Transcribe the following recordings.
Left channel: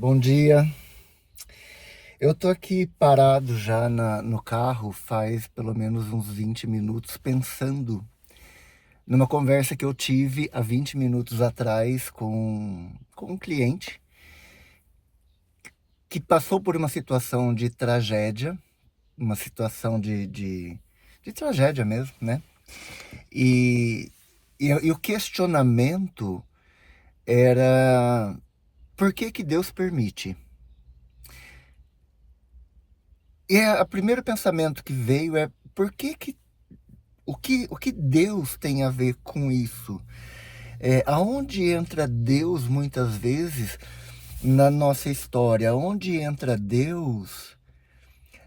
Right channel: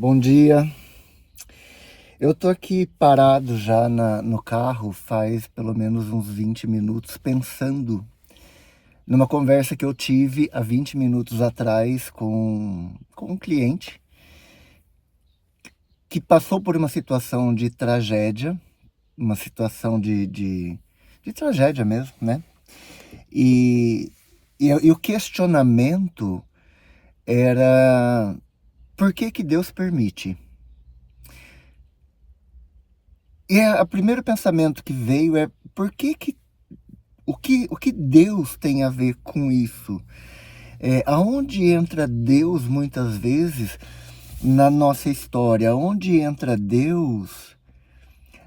Bom dia. Eu tô aqui parado já no carro faz pelo menos uns 20 minutos pensando numa conversa que eu tive há 20 minutos atrás com um cliente que passou por uma situação de tragédia, uma situação de tragédia mesmo, né? E, e o questionamento era: por que que Deus permite? E o primeiro pensamento que veio é: por que que o que Deus tem a ver com isso? Aonde entra Deus muitas vezes na nossa história? Aonde entra Deus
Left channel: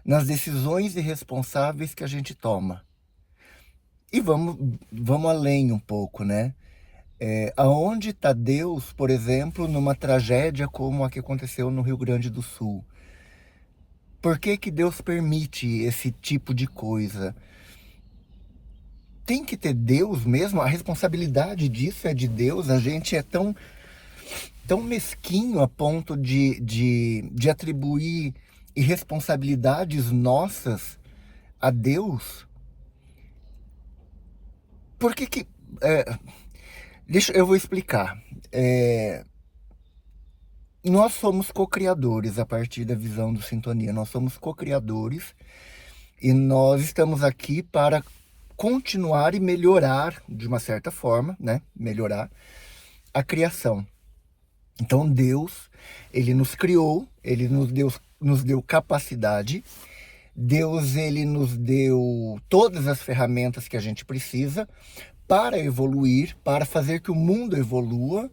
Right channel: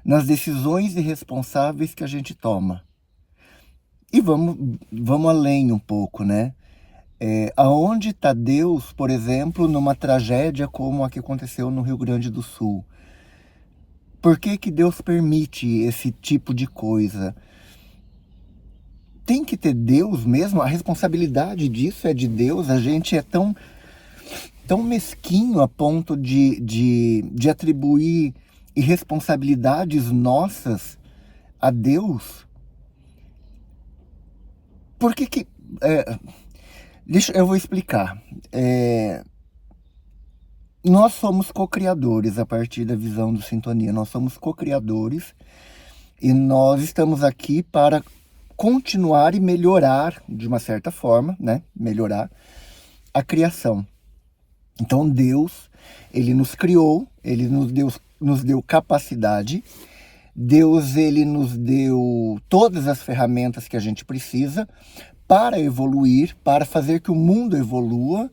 nas decisões irresponsáveis que a gente toma? E vamos além um pouco, né? Aonde está Deus, por exemplo, numa tragédia como a que aconteceu no Rio Grande do Sul? Por que que Deus permite esse tipo de coisa? Tem que ter Deus mesmo? A responsabilidade disso é de Deus? A gente é tão mesquinho a ponto de atribuir irresponsabilidades nossas a Deus? Por que que... eu vou explicar. Nós somos co-criadores a partir da visão do Sintonia. Nós somos co-criadores e nós estamos aqui para continuar e melhorar, de uma certa forma, né? Melhorar a criação. Então Deus, Ele nos criou, Ele nos deu capacidade. Deus, Ele nos deu todas as ferramentas que a gente precisa para evoluir, para fazer que o mundo evolua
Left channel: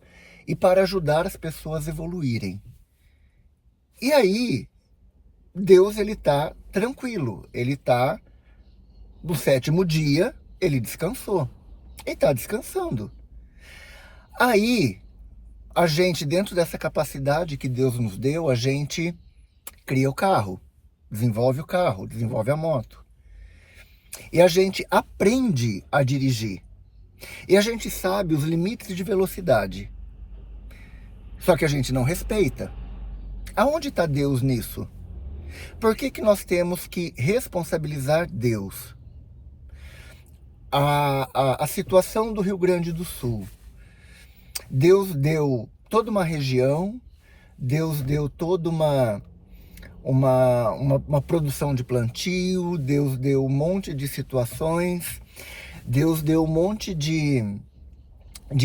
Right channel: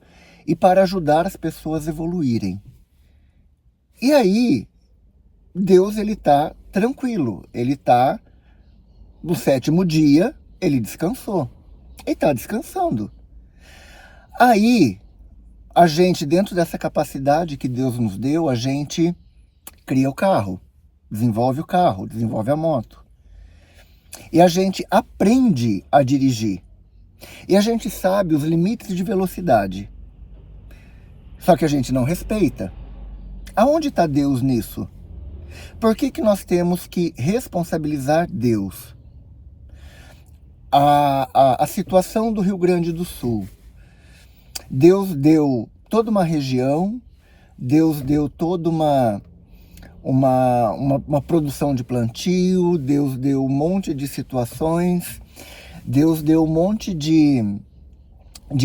e para ajudar as pessoas a evoluírem. E aí, Deus, Ele está tranquilo, Ele está no sétimo dia, Ele descansou. Ele está descansando. Aí, a gente, dentro dessa capacidade que Deus nos deu, a gente cria o carro, desenvolve o carro, desenvolve a moto. E a gente aprende a dirigir. E a gente sabe os limites de velocidade. Só que a gente não respeita. Aonde está Deus nisso? Por que que nós temos que responsabilizar Deus? A situação do Rio Grande do Sul. Deus deu toda uma região, Deus deu toda uma produção de plantio, Deus deu um monte de situações, Deus deu um monte de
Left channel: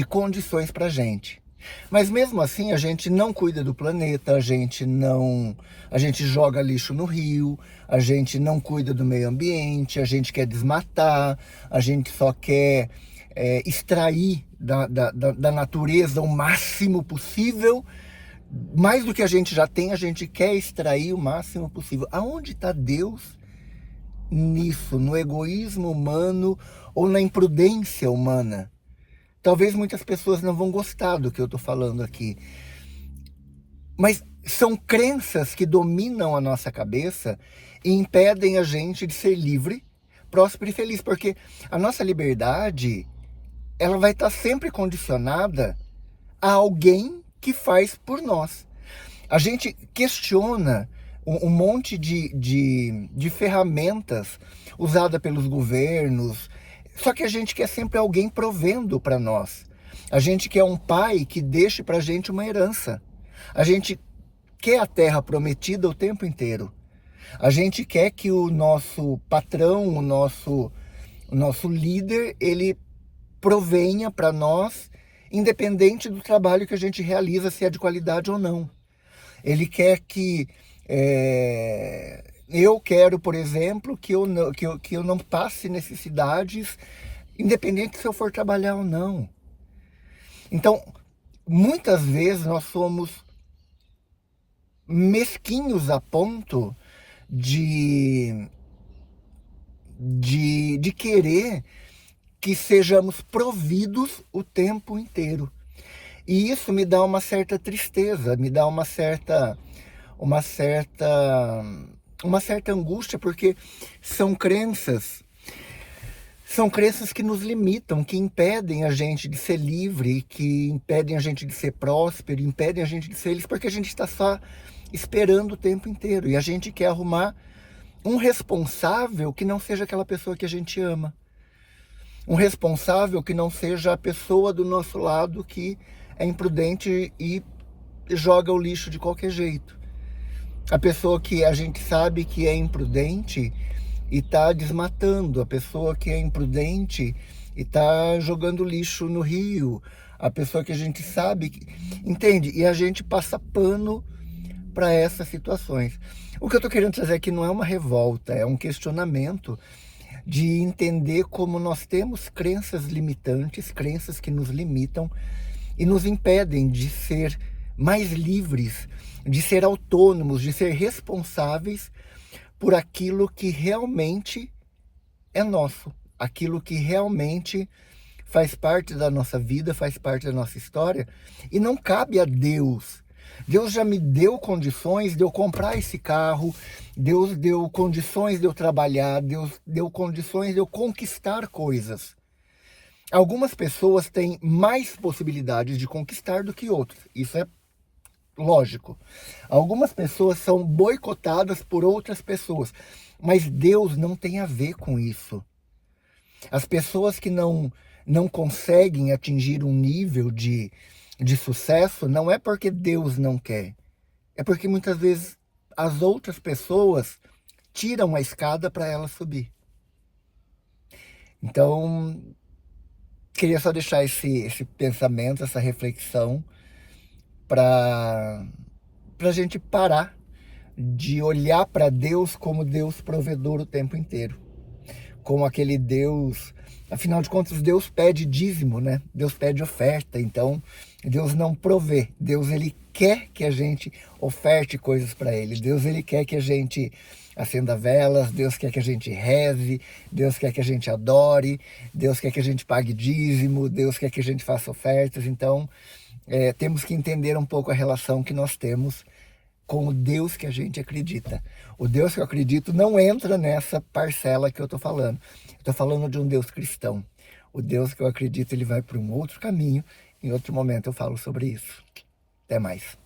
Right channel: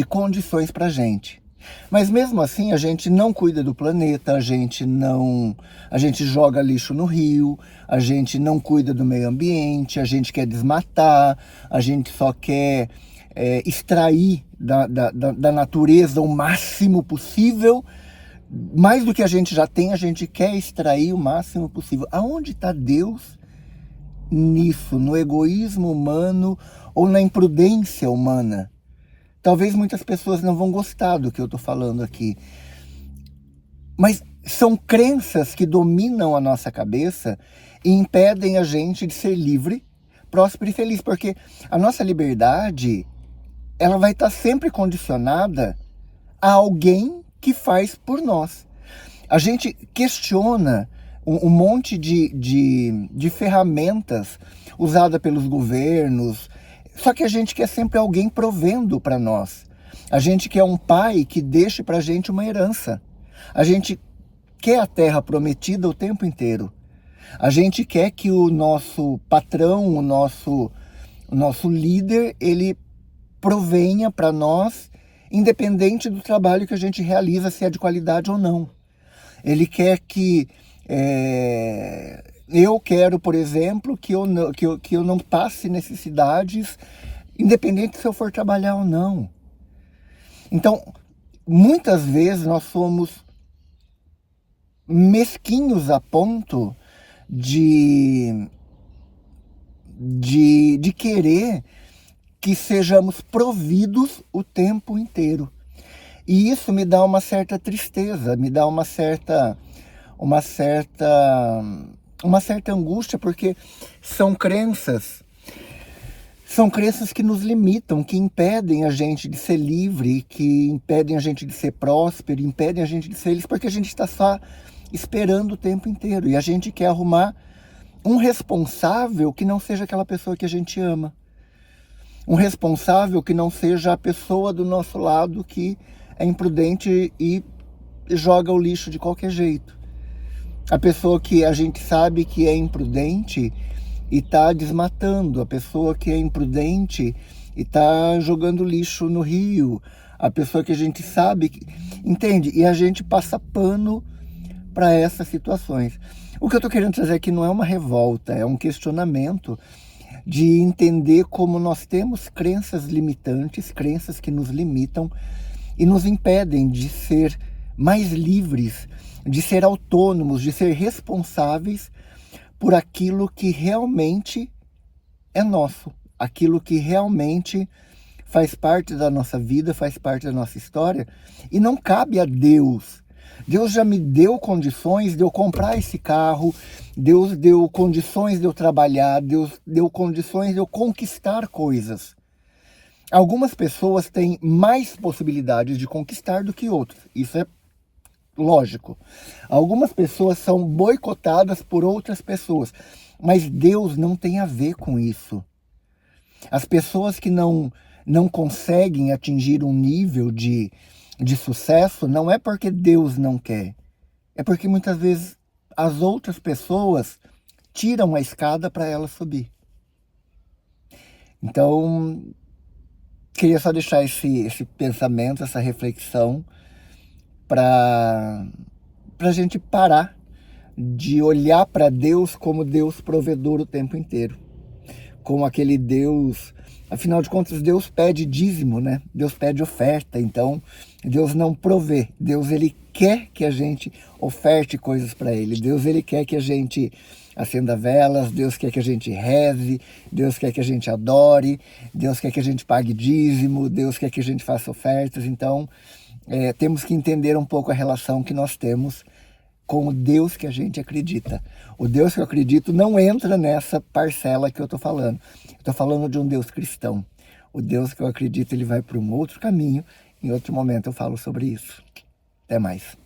condições para a gente. Mas mesmo assim a gente não cuida do planeta, a gente joga lixo no rio, a gente não cuida do meio ambiente, a gente quer desmatar, a gente só quer extrair da natureza o máximo possível. Mais do que a gente já tem, a gente quer extrair o máximo possível. Aonde está Deus nisso? No egoísmo humano ou na imprudência humana? Talvez muitas pessoas não vão gostar do que eu estou falando aqui. Mas são crenças que dominam a nossa cabeça e impedem a gente de ser livre, próspero e feliz. Porque a nossa liberdade, ela vai estar sempre condicionada a alguém que faz por nós. A gente questiona um monte de ferramentas usadas pelos governos, só que a gente quer sempre alguém provendo para nós. A gente quer um pai que deixe para a gente uma herança. A gente quer a terra prometida o tempo inteiro. A gente quer que o nosso patrão, o nosso líder, ele provenha para nós, independente do trabalho que a gente realiza, se é de qualidade ou não. Ele quer que... eu quero, por exemplo, que eu não passe necessidades, independente se eu for trabalhar ou não. Então, muitas vezes nós somos mesquinhos a ponto de querer que sejamos providos o tempo inteiro. E isso me dá uma certa tristeza, me dá uma certa angústia, porque são crenças São crenças que nos limitam, que impedem a gente de ser livre, que impedem a gente de ser próspero, impedem a gente de ser feliz, porque a gente está só esperando o tempo inteiro. E a gente quer arrumar um responsável que não seja aquela pessoa que a gente ama. Um responsável que não seja a pessoa do nosso lado que é imprudente e joga o lixo de qualquer jeito. A pessoa que a gente sabe que é imprudente e está desmatando, a pessoa que é imprudente e está jogando lixo no rio, a pessoa que a gente sabe, entende? E a gente passa pano para essas situações. O que eu estou querendo trazer aqui não é uma revolta, é um questionamento de entender como nós temos crenças limitantes, crenças que nos limitam e nos impedem de ser mais livres, de ser autônomos, de ser responsáveis por aquilo que realmente é nosso, aquilo que realmente faz parte da nossa vida, faz parte da nossa história, e não cabe a Deus. Deus já me deu condições de eu comprar esse carro, Deus deu condições de eu trabalhar, Deus deu condições de eu conquistar coisas. Algumas pessoas têm mais possibilidades de conquistar do que outras, isso é lógico. Algumas pessoas são boicotadas por outras pessoas, mas Deus não tem a ver com isso. As pessoas que não conseguem atingir um nível de sucesso, não é porque Deus não quer, é porque muitas vezes as outras pessoas tiram a escada para ela subir. Então, queria só deixar esse pensamento, essa reflexão, para a gente parar de olhar para Deus como Deus provedor o tempo inteiro. Como aquele Deus, afinal de contas, Deus pede dízimo, né? Deus pede oferta, então Deus não provê. Deus, ele quer que a gente oferte coisas para ele. Deus, ele quer que a gente acenda velas, Deus quer que a gente reze, Deus quer que a gente adore, Deus quer que a gente pague dízimo, Deus quer que a gente faça ofertas. Então, temos que entender um pouco a relação que nós temos com o Deus que a gente acredita. O Deus que eu acredito não entra nessa parcela que eu estou falando. Estou falando de um Deus cristão. O Deus que eu acredito, ele vai para um outro caminho. Em outro momento eu falo sobre isso. Até mais.